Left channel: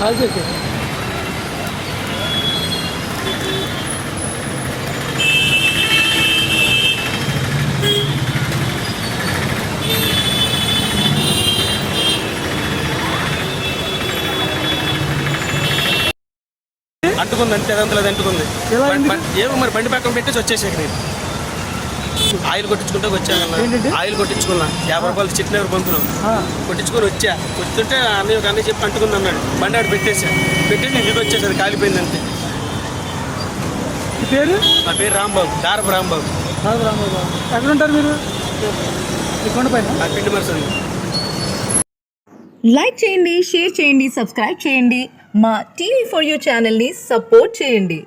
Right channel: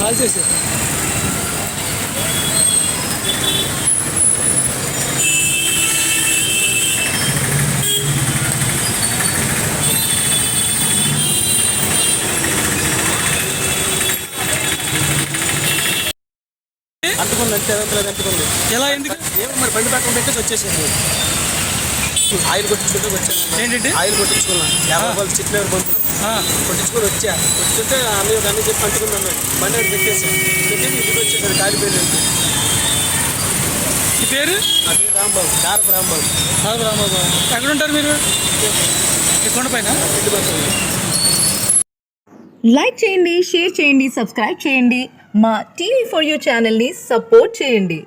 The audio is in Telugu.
కాల్ చేసి అంటుకుంది అంతే అంతలేదు అంటుకుంది. ఏమో మరి బండి పక్కన పెట్టేసి వచ్చేసేది ఆయిల్ కొట్టించుకుంటే వచ్చాను? ఆయిల్ కొట్టించుకున్నా. యాభై రూపాయలు చిట్ బంతులు ఆ, కొట్టించుకొని వచ్చా. వస్తుంటే అన్నీ ఒక అన్నీ చెప్పి అంటుకుంది అన్నాడు. బండి ఆడ పెట్టేసా పెట్టేసి ఇంటికి వచ్చేసాడు కాలిపోయింది అంతే. మీ పేరు? నా పేరు రాంబాబు. దారపు రాంబాబు. రాజు రామబాబు ఎక్కడ ఉంటారు మీరు కొండపైన? పిండి మనుషులు లైక్ చేయండి షేర్ చేయండి సబ్స్క్రైబ్ చేయండి. మా టీవీ ఫర్ యూ ఛానల్ని సపోర్ట్ చేయండి.